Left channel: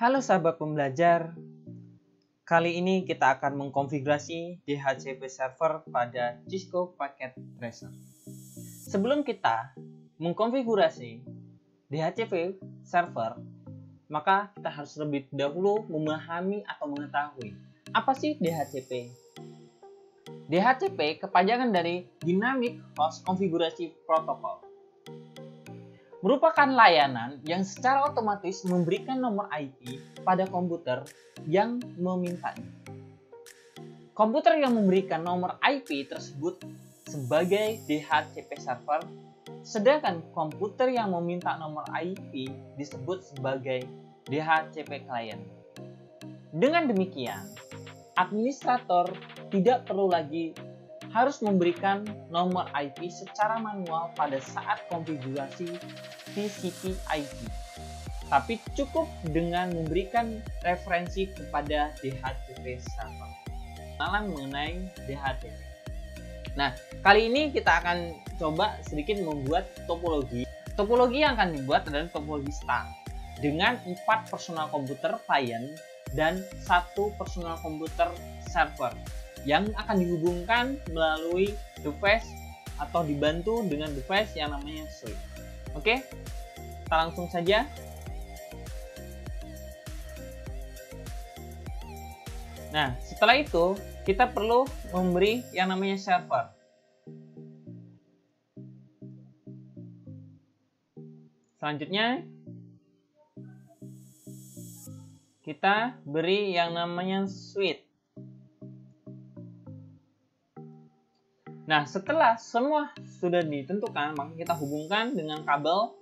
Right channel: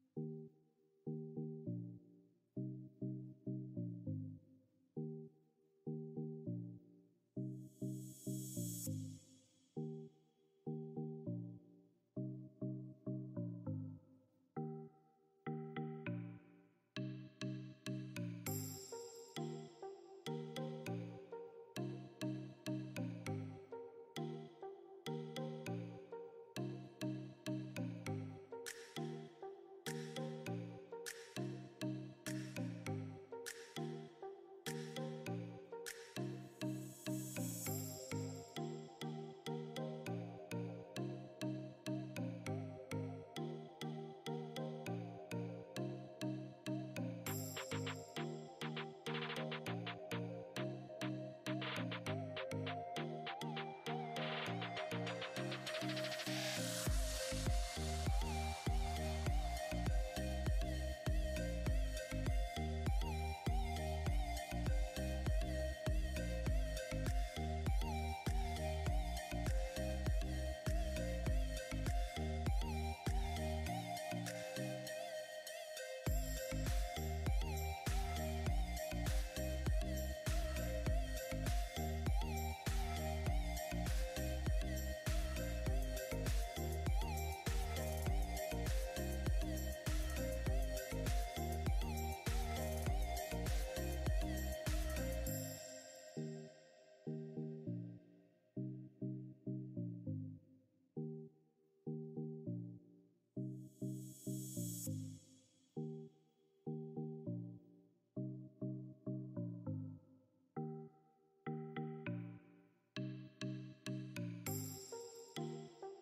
Halo sahabat pembelajar, kali ini kita akan mengkonfigurasi DHCP server pada Cisco Packet Tracer. Sebelum kita mengkonfigurasi DHCP server, maka kita harus lebih dahulu memahami atau mengetahui apa sih DHCP. DHCP kepanjangan dari Dynamic Host Configuration Protocol. Merupakan layanan yang secara otomatis memberikan nomor IP pada komputer yang memintanya. Komputer yang memberikan nomor IP tersebut sebagai DHCP server, sedangkan komputer yang meminta nomor IP disebut sebagai DHCP client. Dengan demikian, administrator tidak perlu lagi harus memberikan nomor IP secara manual pada saat konfigurasi TCP IP, tapi cukup dengan memberikan referensi kepada DHCP server. Kenalan mengenai DHCP. Nah, kali ini kita akan coba sedikit membuat topologi. Topologi yang akan dibuat adalah topologi star dengan 4 personal komputer client dan 1 personal komputer server yang akan dihubungkan melalui device atau dibantu dengan device yang namanya switch. Oke, kita langsung saja. Nah, setelah itu kita perlu memberi yang namanya server. Selanjutnya kita beri yang namanya switch. Nah, setelah semua sudah ditentukan, maka kita hubungkan dengan kabel.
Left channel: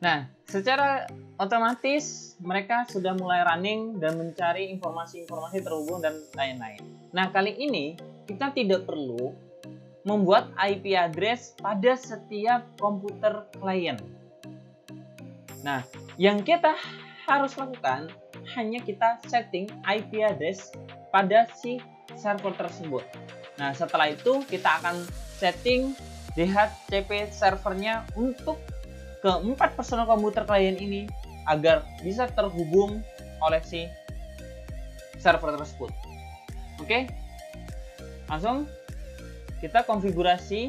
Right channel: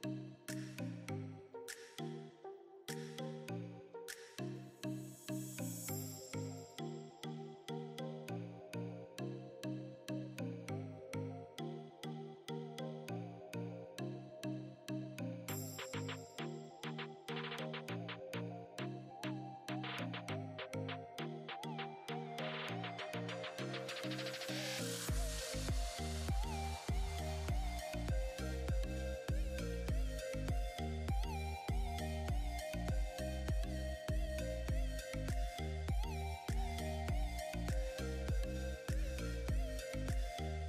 Nah, secara otomatis mereka sudah mulai running dan mencari informasi-informasi terhubung dan lain-lain. Nah, kali ini kita tidak perlu membuat IP address pada setiap komputer klien. Nah, yang kita harus lakukan hanya kita setting IP address pada si server tersebut. Nah, setelah itu kita akan setting DHCP servernya untuk keempat personal komputer klien ini agar bisa terhubung oleh si server tersebut. Oke, langsung kita konfigurasi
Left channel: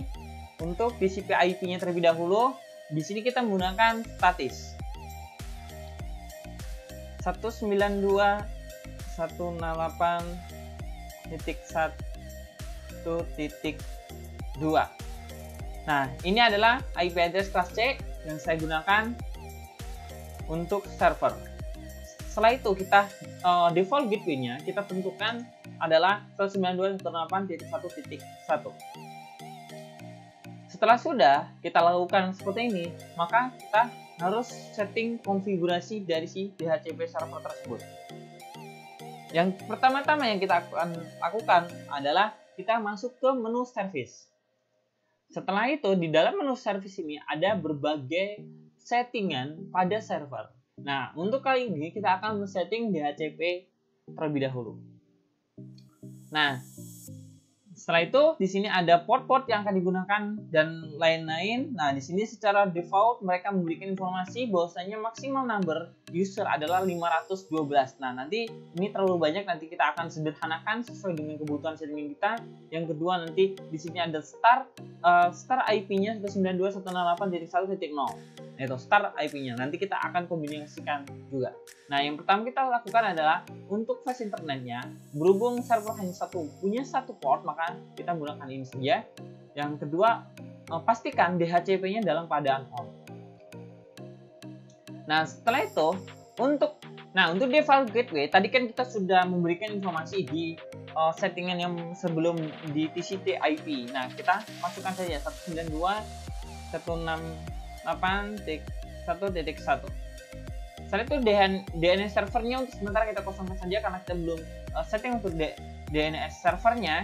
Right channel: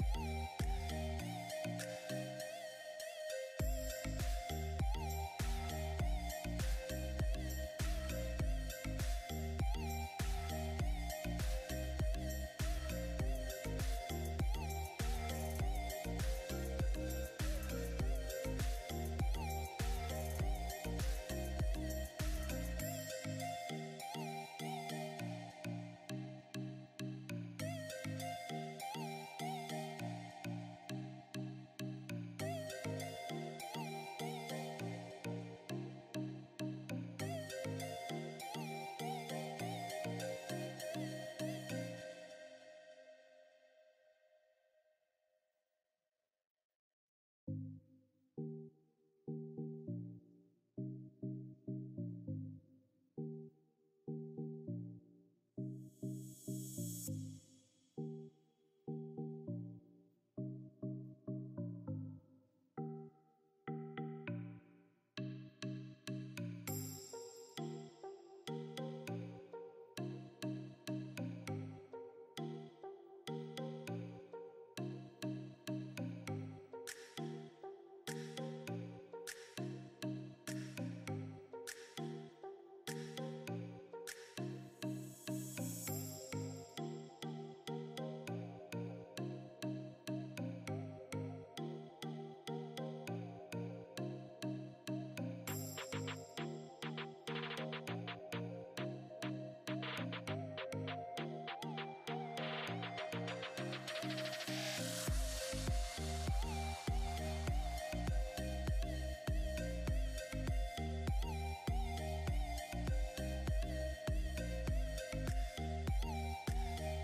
untuk TCP IP-nya terlebih dahulu. Di sini kita menggunakan statis 192.168.1.2. Nah, ini adalah IP address kelas C yang saya gunakan untuk server. Setelah itu kita default gateway-nya kita tentukan adalah 192.168.1.1. Setelah sudah kita lakukan seperti ini, maka kita harus setting konfigurasi dari si DHCP server tersebut. Yang pertama-tama yang kita akan lakukan adalah kita masuk ke menu service. Setelah itu di dalam menu service ini ada berbagai settingan pada server. Nah, untuk kali ini kita akan men-setting DHCP terlebih dahulu. Nah, setelah itu di sini ada port-port yang akan digunakan dan lain-lain. Nah, di sini secara default mereka memberikan informasi bahwasanya maksimal number user adalah 512. Nah, nanti ini terlalu banyak, nanti kita akan sederhanakan sesuai dengan kebutuhan settingan kita. Yang kedua, nanti di sini ada start IP-nya 192.168.1.0. Itu start IP-nya. Nanti kita akan kombinasikan juga. Nah, yang pertama kita lakukan adalah untuk flash internetnya, berhubung server hanya punya satu port, maka kita menggunakan ini saja. Yang kedua, pastikan DHCP-nya dalam keadaan on. Nah, setelah itu untuk default gateway tadi kan kita sudah memberikan informasi di settingan yang sebelum di TCP IP. Nah, kita masukkan saja 192.168.1.1. Setelah itu DNS servernya untuk sementara kita kosongkan saja karena kita belum setting untuk DNS servernya.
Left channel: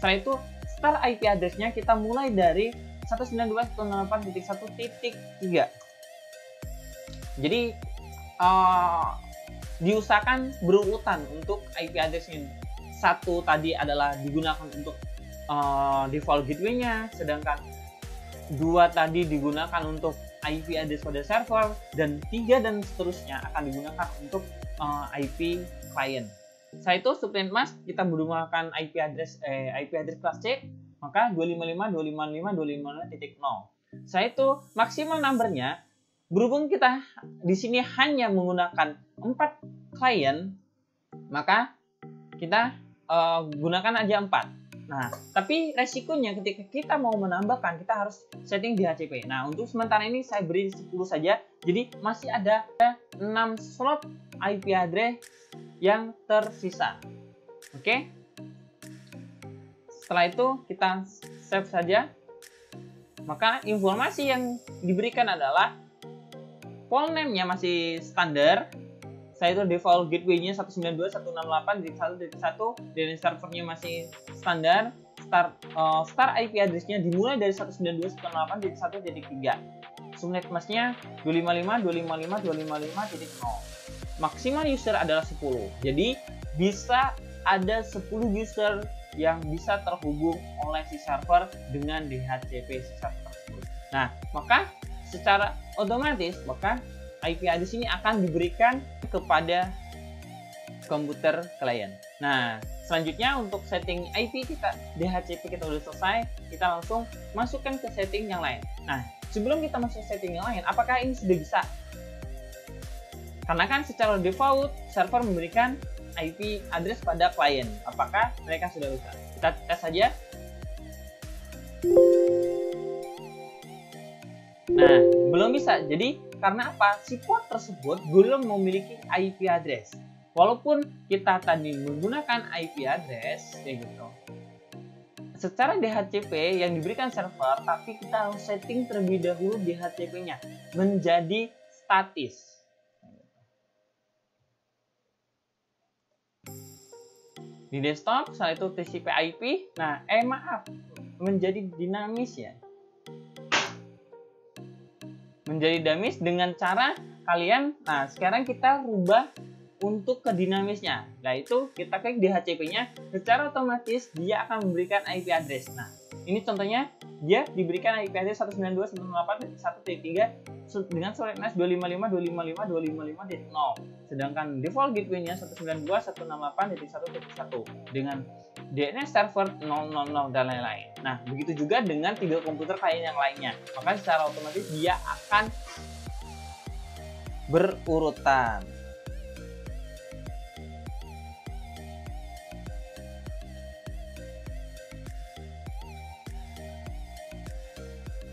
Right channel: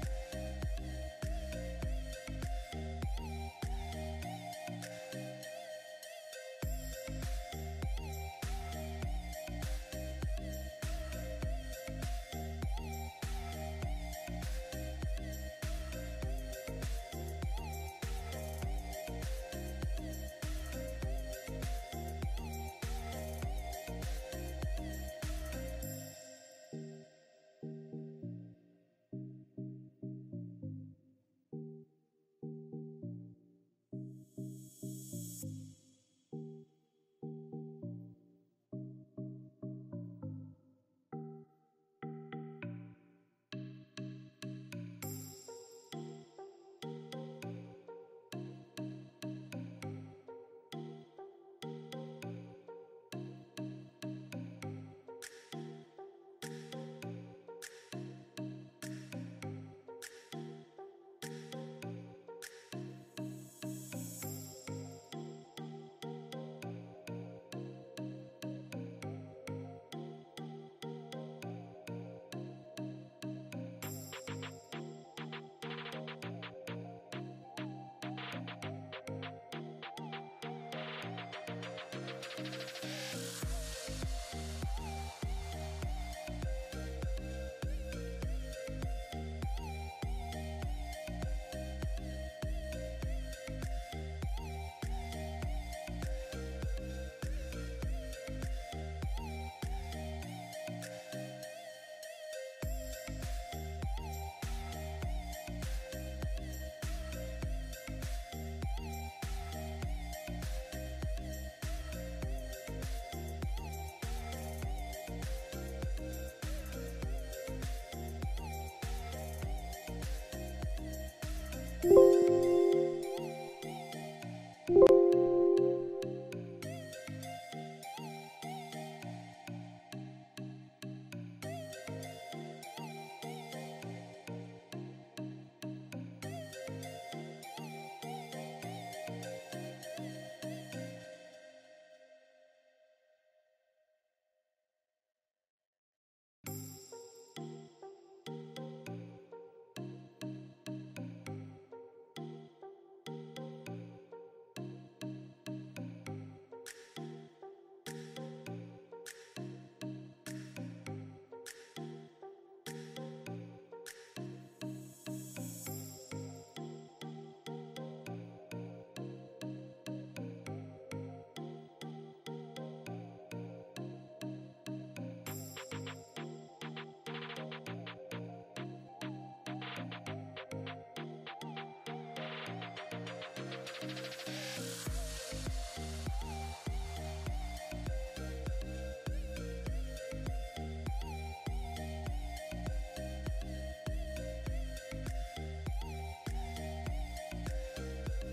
Setelah itu start IP address-nya kita mulai dari 192.168.1.3. Jadi diusahakan berurutan untuk IP address ini. satu tadi adalah digunakan untuk default gateway-nya, sedangkan 2 tadi digunakan untuk IP address pada server, dan 3 dan seterusnya akan digunakan untuk IP client. Setelah itu subnet mask kita menggunakan IP address kelas C, maka 255.255.255.0. Setelah itu maksimal numbernya, berhubung kita di sini hanya menggunakan 4 klien, maka kita gunakan aja 4. Nah, tapi resikonya ketika kita mau menambahkan, kita harus setting DHCP. Nah, untuk sementara ini saya beri 10 saja. Jadi masih ada 6 slot IP address yang tersisa. Oke. Setelah itu kita save saja. Maka informasi yang diberikan adalah file name-nya masih standar. Saya itu default gateway-nya 192.168.1.1, dan servernya masih standar. Start IP address-nya dimulai dari 192.168.1.3. Subnet mask-nya 255.255.255.0. Maksimal user adalah 10. Jadi bisa ada 10 user yang bisa terhubung oleh si server dengan DHCP si server tersebut. Nah, maka secara otomatis maka IP address ini akan diberikan kepada komputer klien. Nah, selanjutnya untuk setting IP kita, DHCP kita udah selesai, kita langsung masukkan ke setting yang lain. Nah, sebelum kita masuk setting yang lain, apakah ini sudah bisa? Karena kan secara default server memberikan IP address pada klien. Apakah mereka sudah bisa? Kita tes saja. Nah, belum bisa. Jadi karena apa? Si port tersebut belum memiliki IP address. Walaupun kita tadi menggunakan IP address kayak gitu, secara DHCP yang diberikan server, tapi kita harus setting terlebih dahulu DHCP-nya menjadi statis. Di desktop, setelah itu TCP/IP. Nah, menjadi dinamis ya. Menjadi dinamis dengan cara kalian. Nah, sekarang kita rubah untuk ke dinamisnya. Nah, itu kita klik DHCP-nya, secara otomatis dia akan memberikan IP address. Nah, ini contohnya dia diberikan IP address 192.168.1.3 dengan subnet mask 255.255.255.0. Sedangkan default gateway-nya 192.168.1.1 dengan DNS server 000 dan lain-lain. Nah, begitu juga dengan 3 komputer klien yang lainnya. Maka secara otomatis dia akan berurutan.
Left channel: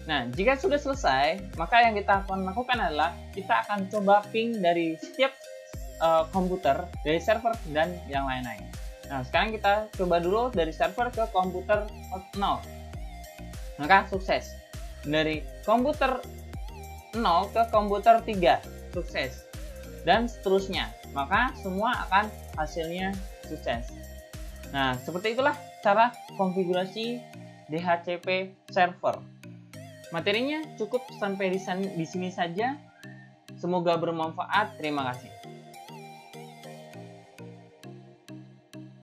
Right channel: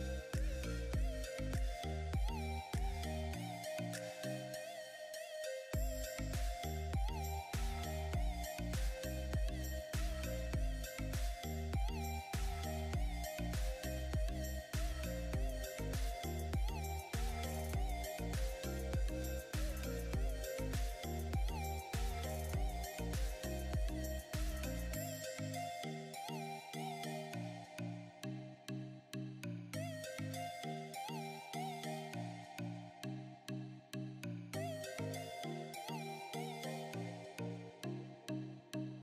Nah, jika sudah selesai, maka yang kita akan lakukan adalah kita akan coba ping dari setiap komputer, dari server dan yang lain-lain. Nah, sekarang kita coba dulu dari server ke komputer 0. Maka sukses. Dari komputer 0 ke komputer 3, sukses. Dan seterusnya. Maka semua akan hasilnya sukses. Nah, seperti itulah cara konfigurasi DHCP server. Materinya cukup sampai di sini saja. Semoga bermanfaat. Terima kasih.